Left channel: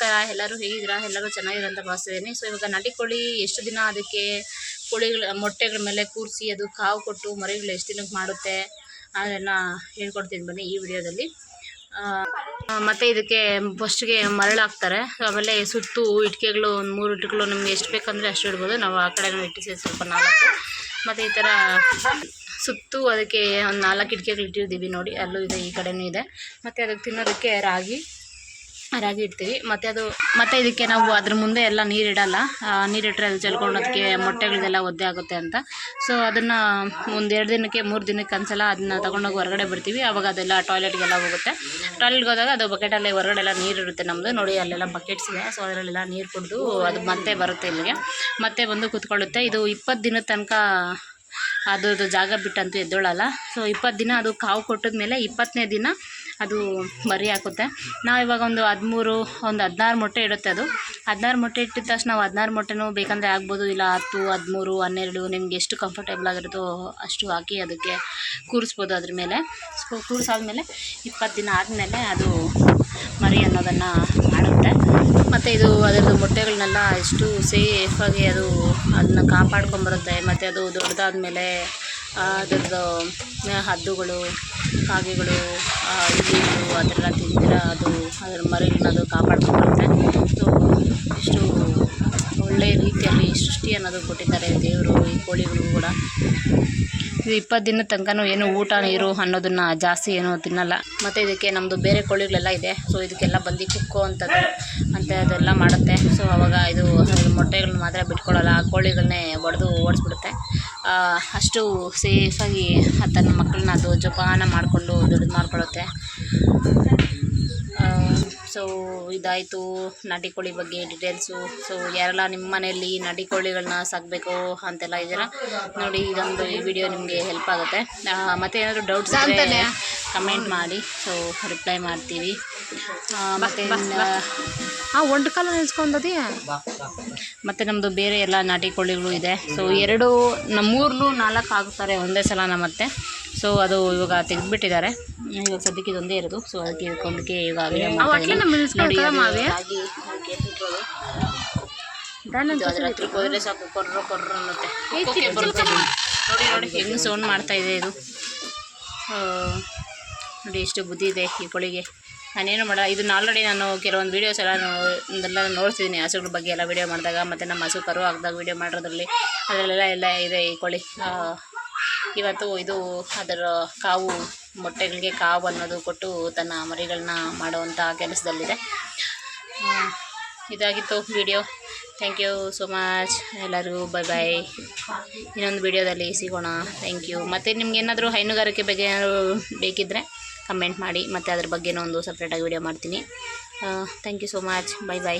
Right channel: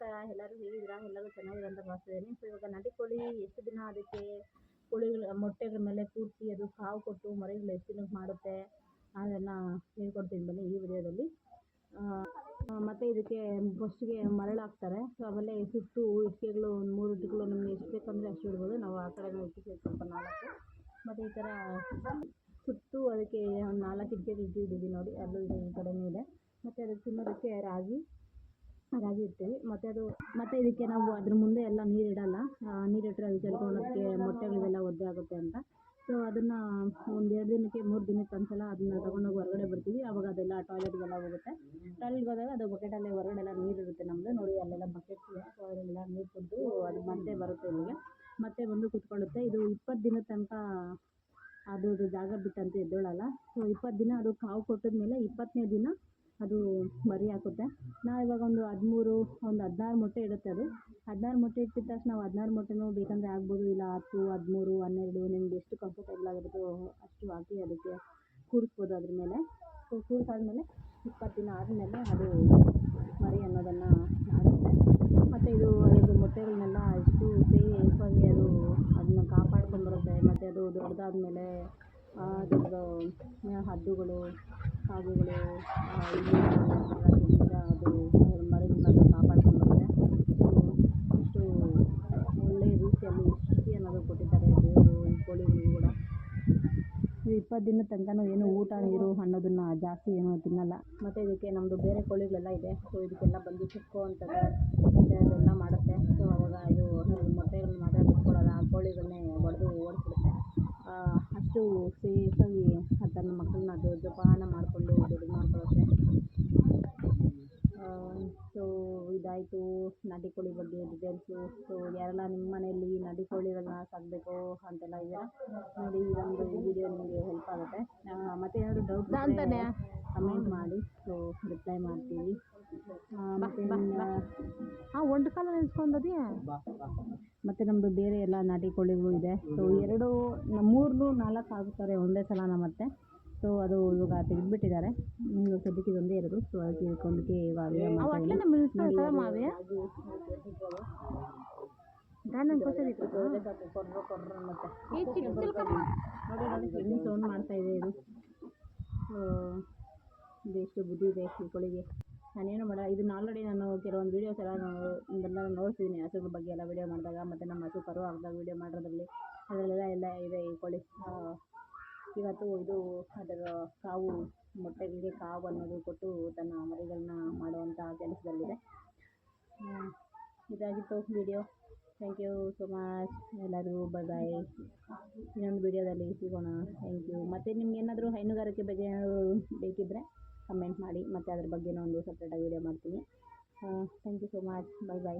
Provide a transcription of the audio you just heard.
ನಮಸ್ಕಾರ, ಎಲ್ಲರೂ ಹೇಗಿದ್ದೀರಾ? ಎಲ್ಲರೂ ಚೆನ್ನಾಗಿದ್ದೀರಾ ಅಂತ ಭಾವಿಸ್ತಿದ್ದೀನಿ. ಸೊ ಇವಾಗ ನಾಟಿ ಕೋಳಿ ಎಷ್ಟು ದಿನ ಅದಕ್ಕೆ ಕೋಳಿಗಳ ಮೊಟ್ಟೆಗಳ ಮೇಲೆ ಕೂರಿಸಿ ಅದು ಕಾವು ಕೊಟ್ಟು ಮರಿಗಳು ಎಷ್ಟು ದಿನಕ್ಕೆ ಮಾಡುತ್ತೆ ಅದನ್ನು ಹೇಳ್ಕೊಡ್ತೀನಿ ಬನ್ನಿ ಈ ವಿಡಿಯೋದಲ್ಲಿ. ಮತ್ತು ಇದಕ್ಕೆ ಫಸ್ಟ್ಗೆ ಮರಳಾಕ್ತಾರೆ, ಆಮೇಲೆ ಸುತ್ತು ಇಟ್ಕೆಗಳು ಒಂದು 3 ಇಟ್ಕೆಗಳು ನಿಮ್ಗೆ ಎಷ್ಟು ಬೇಕಂದರೆ ಅಷ್ಟು ಇಡ್ಬೋದು. ನಾವು ಆ ಕಡೆನೂ ಇಟ್ಟಿಸಿ ಸ್ವಲ್ಪ 4 ಮತ್ತು ಈ ಥರ ಸುತ್ತು ಅದಕ್ಕೆ ಒಂದು 4 ಇಟ್ಕೆಗಳು ಇಟ್ಟಿರ್ತೀವಿ ನೋಡಿ, ಅಲ್ಲೂ ಇದೆ, ಈ ಕಡೆನೂ ಇದೆ. ಮತ್ತು ಅದಕ್ಕೆ ತಿನ್ನೋದಕ್ಕೆ ರಾಗಿ ಇಡ್ತೀವಿ. ಮತ್ತು ಇದಕ್ಕೆ ನಾವು ಅದ್ರ ಮುಂದೆ ಎಲ್ಲ ನೀರಿಡಲ್ಲ, ನೀರಿಟ್ಟರೆ ಅದು ಚೆಲ್ಕೊಂಡೋದಕ್ಕೆ ಮೊಟ್ಟೆಗಳದೆಲ್ಲ ಒದ್ದೆ ಆಗುತ್ತೆ ಅಂತ. ಸೊ ಅದನ್ನು ಒಂದು 2 ದಿನಕ್ಕೆ 3 ದಿನಕ್ಕೆ ಒಂದ್ಸಲ ಅದನ್ನು ತೊಗೊಂಡೋಗಿ ಹೊರಗಡೆ ಬಿಡ್ತೀವಿ. ಆವಾಗ ಅದೆಲ್ಲ ಟಾಯ್ಲೆಟ್ಗೆಲ್ಲ ಹೋಗುತ್ತೆ. ಟಾಯ್ಲೆಟ್ಗೆ ಹೋದಾಗ ಅದು ಬಕೆಟಲ್ಲಿ ಹೊರಗಡೆ ಎಲ್ಲ ನೀರು ಇರುತ್ತೆ ನಮ್ಮದು ನೋಡಿ, ಅಲ್ಲೆಲ್ಲ ಬಕೆಟ್ಸ್ ಇದೆ. ಸೊ ಅದರಲ್ಲೆಲ್ಲ ನೀರು ಕುಡಿದು ಅದು ಮತ್ತೆ ಬರುತ್ತೆ ಇಲ್ಲಿಗೆ, ಮತ್ತೆ ಬಂದು ಕೂತ್ಕೊಳ್ಳುತ್ತೆ. ಇದು 20 ದಿನದ ತನಕ ಅದ್ರದ್ದು ಜಾಗ ಬಿಟ್ಟಂತೂ ಎದ್ದೊಳ್ಳಲ್ಲ. ಸೊ 20 ದಿನ ಅದು ಕಾವು ಕೊಟ್ಟಿದ ಮೇಲೆ 20ನೇ ದಿನ ಅದು ಮರಿ ಹಾಕುತ್ತೆ. ನಾವು ಇವಾಗ ಒಂದು 16 ಮೊಟ್ಟೆ ಇಡುತ್ತೆ. ಅದು 16 ಮೊಟ್ಟೆ ಇಟ್ಟಿದ ತಕ್ಷಣ ನಾವು 16 ಮೊಟ್ಟೆನೂ ಬೇಕಂದರೆ ಆಗ್ಬೋದು, ಇಲ್ಲ 10, 13, 12 ನಿಮ್ಗೆ ಎಷ್ಟು ಕಂಫರ್ಟೇಬಲ್ ಆಗಿರುತ್ತೋ ಅಷ್ಟು ಹಾಕಿ ಅದಕ್ಕೆ ಕೂರಿಸ್ಬೋದು ಅದ್ರ ಮೇಲೆ. ಸೊ ಕೂರಿಸಾದ್ಮೇಲೆ 20 ದಿನ ಆದಮೇಲೆ ಅದು ಮರಿ ಅನ್ನೋದನ್ನು ಮಾಡುತ್ತೆ. ಮತ್ತು ಇದು ಅದರದ್ದು ಮೊಟ್ಟೆಗಳನ್ನೆಲ್ಲ ಎಷ್ಟು ಸೇಫಾಗಿ ಅದನ್ನು ಕಾಪಾಡ್ಕೊಂಬರುತ್ತೆ. ಮತ್ತು ಅದು ದೊಡ್ಡದಾದ್ಮೇಲೆ ಅದರದ್ದು ಹದ್ದುಗಳು, ಕಾಗೆಗಳು, ಇಲಿಗಳು ಅದೆಲ್ಲ ತಿಂದಿರ ಅದು ಅದರ ಮರಿಗಳನ್ನ ಅದು ಕಾಪಾಡ್ಕೊಂಬರುತ್ತೆ. ಸೊ ಎಷ್ಟು ಒಳ್ಳೆಯ ರೀತಿಯಲ್ಲಿ ಸೃಷ್ಟಿ ಅನ್ನೋದು ಕೊಟ್ಟಿದ್ದಾರೆ ದೇವರು ಈ ಕೋಳಿಗಳಿಗೂ ಕೂಡ. ಇದು 20 ದಿನದ ತನಕನೂ ಏನು ಊಟ ನೀರು ಅನ್ನೋದನ್ನು ಜಾಸ್ತಿ ಏನೂ ತಿನ್ನಲ್ಲ. ಮತ್ತು ಇದಕ್ಕೆ ನಮ್ಮದು ಬೇರೆ ಕೋಳಿಗಳೆಲ್ಲ ಇದೆ. ಸೊ ಇದಕ್ಕೆಲ್ಲ ಬಂದು ಕುಕ್ಕೋ ಅದೆಲ್ಲ ಮಾಡುತ್ತೆ. ಸೊ ಆವಾಗ ಇದು ಮೊಟ್ಟೆಗಳನ್ನ ಮಾತ್ರ ಬಿಟ್ಕೊಳ್ಳಲ್ಲ, ಆ ಕೋಳಿಗಳನ್ನೇ ಒಡೆದು ಓಡಿಸ್ಬಿಡುತ್ತೆ. ಅಷ್ಟು ಸೇಫಾಗಿ ತನ್ನ ಮಕ್ಕಳನ್ನ ಅದು ಜೋಪಾನ ಮಾಡಿಕೊಂಡು ದೊಡ್ಡದು ಮಾಡ್ಕೊಳ್ಳುತ್ತೆ. ಸೊ ಇದಾಯಿತು ನಾಟಿ ಕೋಳಿ ಬಗ್ಗೆ ಡೀಟೇಲ್ಸು. ಸೊ ಯಾರೆಲ್ಲ ನಿಮ್ಮ ಮನೆಯಲ್ಲಿ ನಾಟಿ ಕೋಳಿಗಳನ್ನ ಸಾಕಬೇಕು ಅಂತೆಲ್ಲ ಇದ್ದೀರಾ ನೋಡಿ, ಇದೊಂದು ಈ ವಿಡಿಯೋ ನಿಮಗೆ ಹೆಲ್ಪ್ ಆಗುತ್ತೆ. ಮತ್ತು ಏನಾದರೂ ಡೌಟ್ಸ್ ಇದ್ದರೆ ಕಮೆಂಟ್ ಮಾಡಿ, ಸೊ ರಿಪ್ಲೈ ಮಾಡ್ತೀವಿ. ಮತ್ತು ಒಂದು ಕಾಲ ನಿಲ್ಸ್ಕೊಂಡದಿ. ಮತ್ತು ನಮ್ಮದು ಬೇರೆ ಎಲ್ಲ ನಾಟಿ ಕೋಳಿಗಳು ಇದೆ. ಸೊ 2, 3, 4 ಹಾಕ್ತಾರೆ ಒಂದೇ ಸಲ ಮತ್ತೆ. ಸೊ ಅದು ಇವಾಗ ತೆಗೆದುಬಿಟ್ಟಿದ್ದಾರೆ. ಇವಾಗ ಸದ್ಯಕ್ಕೆ ಇದೊಂದೇ ಇರೋದು. ಸೊ ಅದಕ್ಕೆ ಇದಕ್ಕೊಂದಕ್ಕೆ ಇವಾಗ ವಿಡಿಯೋ ಮಾಡ್ತಾಯಿದ್ದೀನಿ ನೋಡಿ. ಅದರ ಹತ್ರಕ್ಕೆ ಹೋದರೆ ಸಾಕು ಕೊರ್ರ ಅನ್ನುತ್ತೆ, ಬರುತ್ತೆ ನೋಡಿ ಹೆಂಗೆ ಸೌಂಡ್ ಮಾಡ್ತಾಯಿದೆ ಇದು. ನೋಡಿ ಎಷ್ಟು ಬುದ್ಧಿ ಇದೆ ಈ ಕೋಳಿಗೆ. ನಾನೇನು ಮಾಡಲ್ಲ, ಇದನ್ನು ಆಲ್ರೆಡಿ ನಾನು ಕೆಲವೊಂದು ವೀಡಿಯೋಸ್ ಎಲ್ಲ ನೋಡ್ತಿದ್ದೀನಿ ಹಸುಗಳ ಬಗ್ಗೆ ಎಲ್ಲ ವೀಡಿಯೋ ಮಾಡಿದಾಗ. ಮತ್ತು ನಮ್ಮ ಹಸು ಕರು ಹಾಕಿದಾಗ ವೀಡಿಯೋ ಮಾಡೋದ್ರಲ್ಲಿ ಅದರಲ್ಲೆಲ್ಲ ಇದೆ ಈ ಕೋಳಿ. ಇವತ್ತು ಇದು ಅದರ ಮೊಟ್ಟೆಗಳಿಗೆ ಕಾವು ಅನ್ನೋದು ಕೊಟ್ಟು ತನ್ನ ಮರಿಗಳನ್ನ ಮಾಡುವಂಥ ಕೆಲಸದಲ್ಲಿದೆ. ಇದಾಗಿತ್ತು video. Thank you so much ಎಲ್ಲರಿಗೂ. ಬೈ. ಇನ್ನೊಂದು ವಿಡಿಯೋದಲ್ಲಿ ಸಿಗೋಣ. Thank you. ಮತ್ತು ನಿಮ್ಗೆ ಏನಾದರೂ ಹೈನುಗಾರಿಕೆ ಬಗ್ಗೆ ಏನಾದರೂ ಬೇಕಿದ್ದರೆ ಕಮೆಂಟ್ ಮಾಡಿ, ಮತ್ತು ಅದ್ರ ಬಗ್ಗೆನೂ ಒಂದು ಸಪ್ರೇಟಾಗಿ ವಿಡಿಯೋ ಮಾಡ್ತೀನಿ. Thank you so much. By.